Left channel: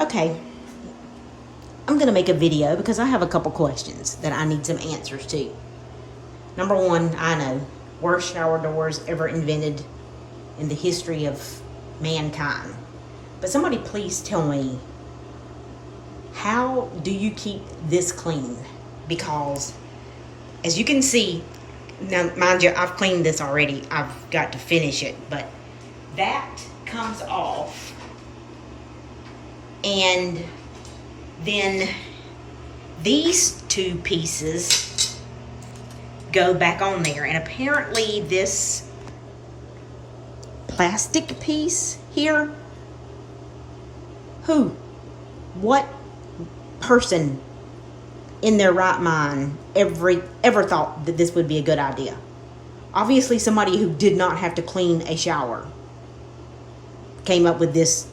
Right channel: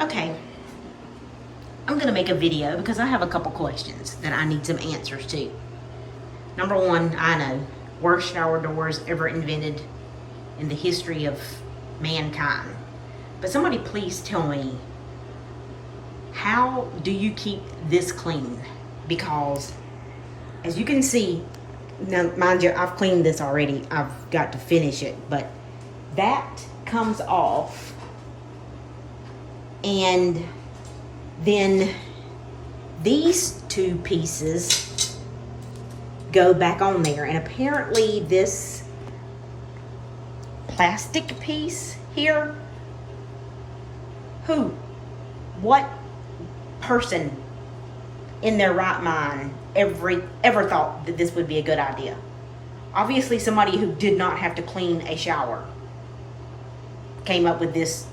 Okay, I'm gonna make a video because I have a couple questions that I need some answers to. Number one, I know, worst shower doors ever invented in the history of mankind. But somebody please tell me, how do you keep this clean? Because as you can see, now mind you, I've cleaned this already. I've got to finish it, but that comes off. And then these two pieces go back on there. And apparently this plastic piece here, what person in their right mind ever thought that this would be a good idea? Obviously somebody who did not have to clean a shower came up with this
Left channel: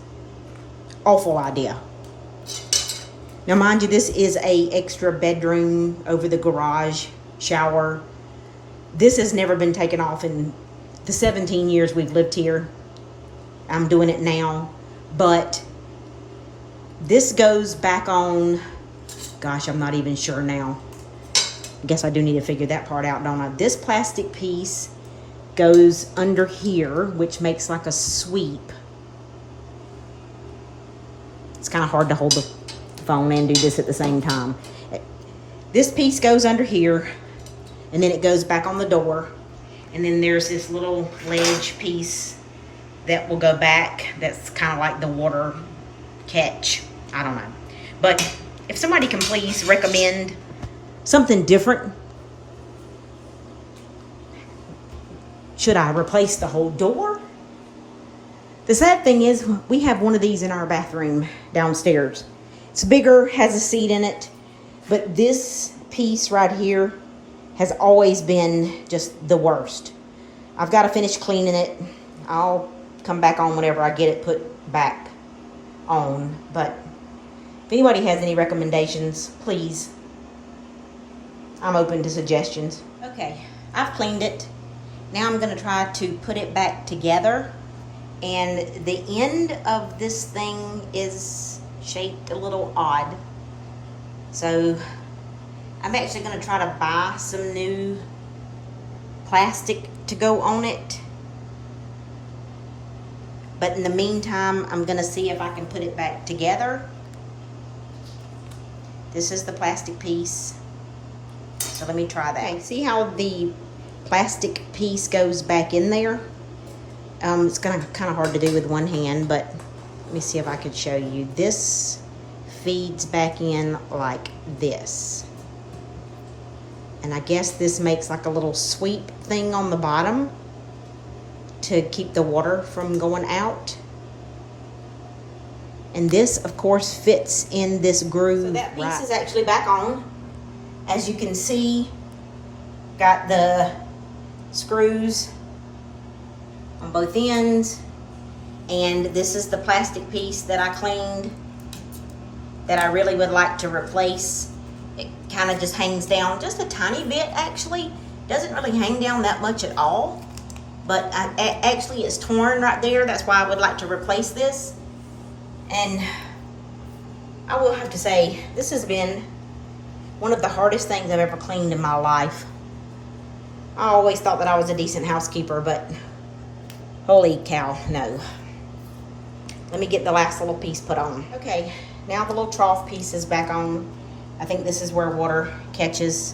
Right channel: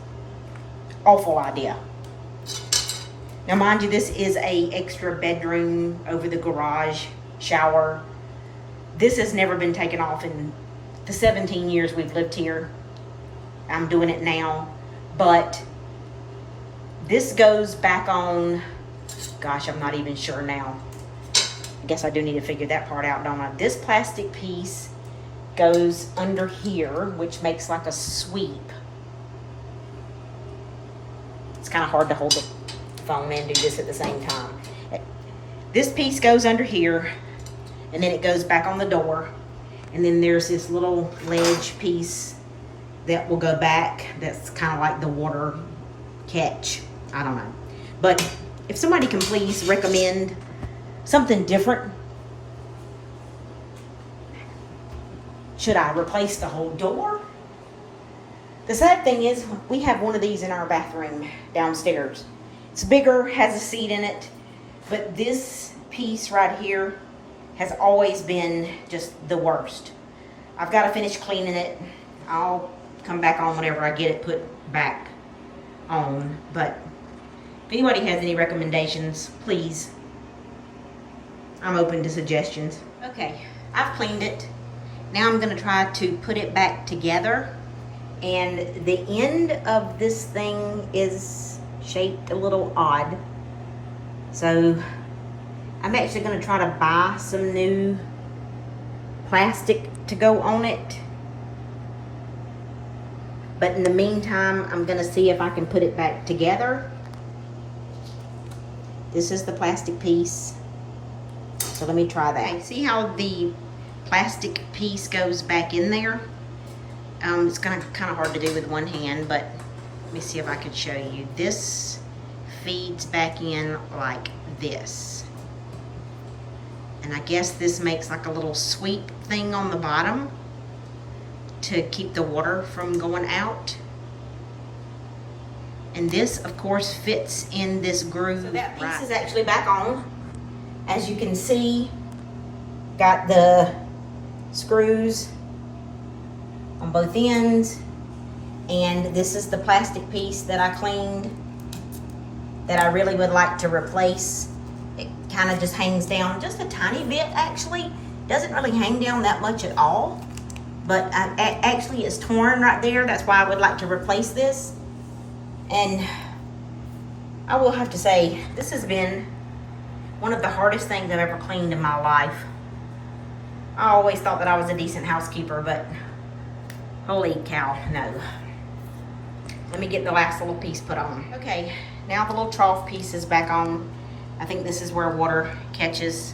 awful idea. Now mind you, this is a extra bedroom over the garage shower. This has never been taken off in the 17 years we've lived here. I'm doing it now, but this goes back on, gosh, I'm not even sure now. I guess I do need to figure that part out, don't I? This plastic piece goes under here, which makes like a sweep. It's kind of hard to hold the phone and do this at the same time. This piece goes under here, and then it goes back on the door. And then there's this little ledge piece that will go back. That's kind of like the water catch. I don't know. But if somebody can please recommend something different. Should I replace the whole door? The sad thing is, we have one of these in our bathroom downstairs. It's bigger, has a seat in it, but this piece right here has always been just the worst. I've got to finish cleaning it. I'll come back on whenever I get it put back on. But if anybody has any recommendations, please, I'm open to suggestions. Okay, I've cleaned it. Now I'm going to try to put it back together. And the end of this thing is shaped a little odd. So I'm actually going to try to buy some new plastic to go on it. But in the meantime, I'm going to see if I can put it back together. This is the plastic piece. So let me try that. Okay, see how the plastic piece goes back in there? It's going to be kind of hard to do with one hand, but let me see if I can show you. This feeds back in like this. And I guess this makes like a little sweep thing on the bottom to keep the water from going out. And this, of course, fits in this groove. So that piece is actually back on. As you can see, got the screws on both ends. And this is the plastic piece that I cleaned that I really would like to replace. It kind of just hangs down just a tiny bit, actually. Doesn't really hang down that much at all. But actually it's torn right there. That's why I would like to replace this. And I will have to say, this has been one of the hardest things I've ever cleaned in my life. I always thought that I was a decent housekeeper, but holy cow, no. Let me get the last little piece put on. Okay, now the little trough piece is back on. I think this is where water catches.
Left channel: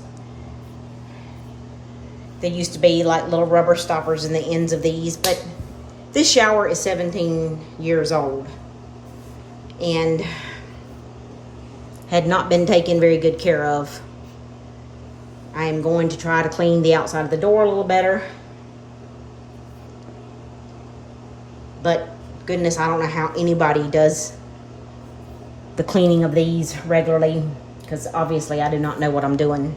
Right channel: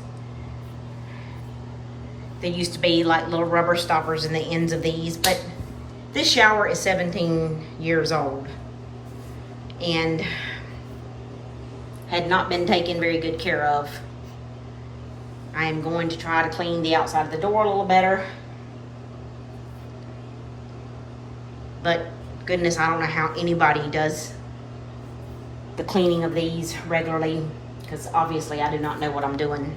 There used to be like little rubber stoppers in the ends of these, but this shower is 17 years old and had not been taken very good care of. I am going to try to clean the outside of the door a little better. But goodness, I don't know how anybody does the cleaning of these regularly, because obviously I do not know what I'm doing.